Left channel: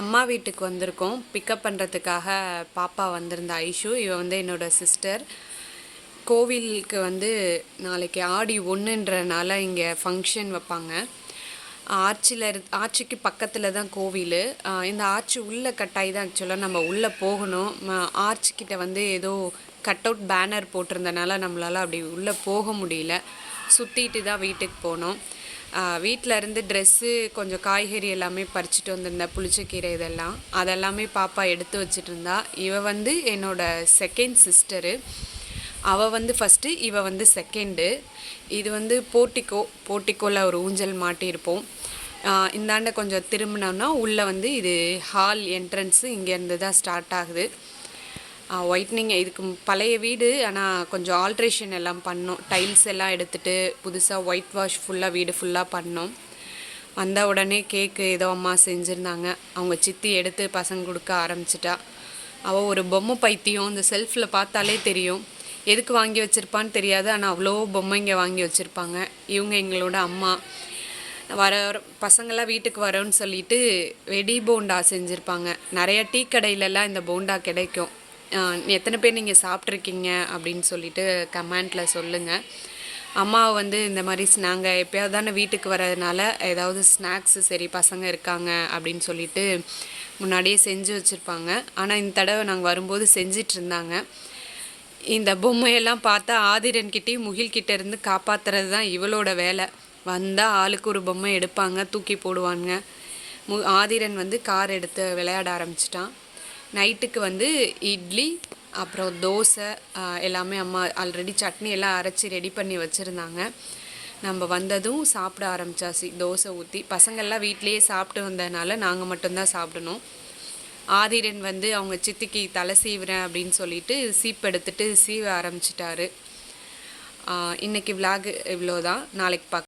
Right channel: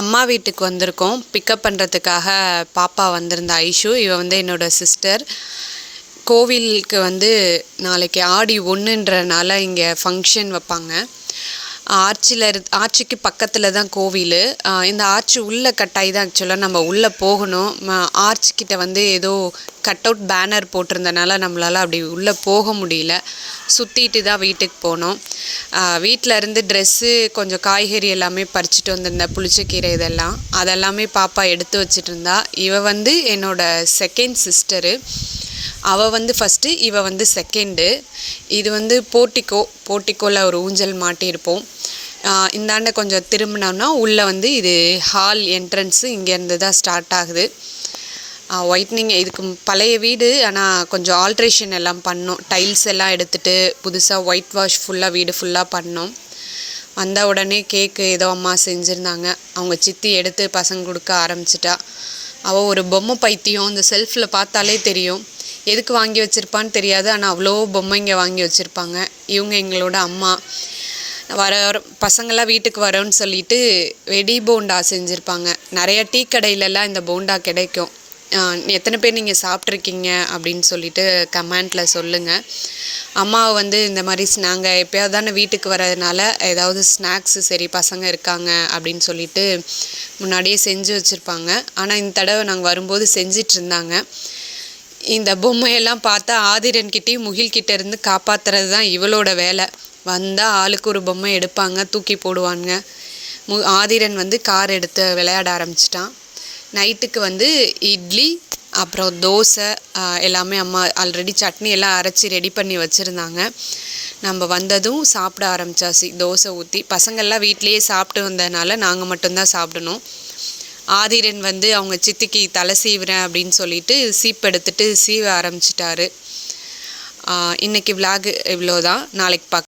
அம்மா வீட்டுக்கு வந்திருக்கோம். பிக்கப் பண்ணுறதுக்காக பாப்பா வந்திருந்தா ஐஷு. இவ வந்து என்னோட சிஸ்டர். கோவிலுக்கு வந்து நாளைக்கு ஆடி 1ன்றனால இங்கே ஃபங்க்ஷன் வைப்பாங்க. ஆர்ச்சுக்கு பக்கத்தில் தான் கோவில். இந்த ஆர்ச்சு உள்ளே கட்டாயி தான் ஆக்சுவலாக நம்ம உள்ளே போகணும். ஆர்ச்சுக்கிட்ட வந்து ஏதோ கட் அவுட் பேனர் போட்டிருந்தனால நம்மளால் அப்படி உள்ளே போக முடியல. சுற்றிட்டு தான் வீட்டுக்கு போனோம். வீட்டில் இருந்து ட்ரெஸ்ஸு கொஞ்சம் காய்கறி எல்லாமே பறிச்சுட்டு வந்திருந்தேன். புளிச்சக்கீரை அதெல்லாமே பாப்பா எடுத்து வச்சுட்டு இருந்தா. இவ வந்து என்னோட செகண்ட் சிஸ்டரு. அவள் வந்து ஃபஸ்ட்டு, இவ வந்து செகண்டு. இது வந்து போர்ட்டிக்கோவில் ஒரு ஊஞ்சல் மாட்டியிருப்போம். இந்தாண்ட கொஞ்சம் திரும்பினோன்னா உள்ளே வந்து இது ஹால் என்ட்ரன்ஸு. இங்கேருந்து தான் ஸ்டார்ட் ஆகுது. ஒயிட்னிங் இதுக்கு பழைய வீடு, ஆனால் கொஞ்சம் ஆல்ட்ரேஷன் எல்லாம் பண்ணோம். டைல்ஸ் எல்லாம் எடுத்துகிட்டு புதுசாக ஒயிட் வாஷ் ஃபுல்லாக வீடு ஃபுல்லாக பண்ணோம். வந்த உடனே கேக்கு ஏதோ அம்மா செஞ்சுருந்தாங்க. அவங்க சித்தி எடுத்து பசங்க கொடுக்க ஆரம்பிச்சிட்டா. அவள் ஒரு பொம்மை பைத்தியம். அந்த செல்ஃபில் பார்த்தாலே தெரியும். எதுக்கு வாங்கி வச்சுருப்பான்னு தெரியாது, ஆனால் அவ்வளோ பொம்மைங்க வாங்கி வச்சுருப்பாங்க. இவங்க எங்களோட அம்மா. பசங்களாம் வீட்டுக்கு வரோன்னு சொல்லிட்டு வெடி போண்டா செஞ்சுருப்பாங்க. நிறைய டீ கடையிலலாம் இந்த போண்டா கிடைக்கும். எத்தனை பேர் நீங்கள் சாப்பிட்ருக்கீங்க அப்படின்னு சொல்லிட்டு கமெண்ட்டில் சொல்லுங்கள். அம்மாவை வந்து இந்த மாதிரி நாங்கள் எப்போயாவது தானே வீட்டுக்கு வரதுனால ஏதாவது ஸ்நாக்ஸு சரி பசங்க இருக்காங்க அப்படின்னு சொல்லிட்டு முன்னாடியே செஞ்சு வச்சுருப்பாங்க. ஆனால் இந்த தடவை நாங்கள் வரும்போது செஞ்சிட்டு இருந்தாங்க. இந்த பொம்மையெல்லாம் பார்த்தா ஆதிரன்கிட்டையும் முகில்கிட்ட இருந்து காப்பாற்றுறது தான் இவளோட வேலை. வந்தால் ஆளுக்கு ஒரு பொம்மை எடுப்பாங்க, தூக்கி போடுவாங்க. ஆதிரன் வந்து கார் எடுத்து விளையாட ஆரம்பிச்சிட்டான். நைட்டுக்கு வந்து இட்லி அப்புறம் தோசை எல்லாமே அம்மா ஆல்ரெடி சட்னி எல்லாம் அரைச்சி ரெடி பண்ணி வச்சுருந்தாங்க. நம்ம வந்ததும் சாப்பிட ஆரம்பித்தாச்சு. தோசை ஊற்றி பசங்கள்லாம் வீட்லேயே சாப்பிட்டு வந்ததுனால நாங்கள் மட்டும்தான் சாப்பிடணும். ஆதிரன் வந்து அவங்க சித்திக்கு தலை சீவுறேன் அப்படின்னு சொல்லிட்டு சீப் எடுத்துகிட்டு சீவ ஆரம்பிச்சிட்டாரு. இன்றைக்கி விலாகு இவ்வளோதான். நாளைக்கு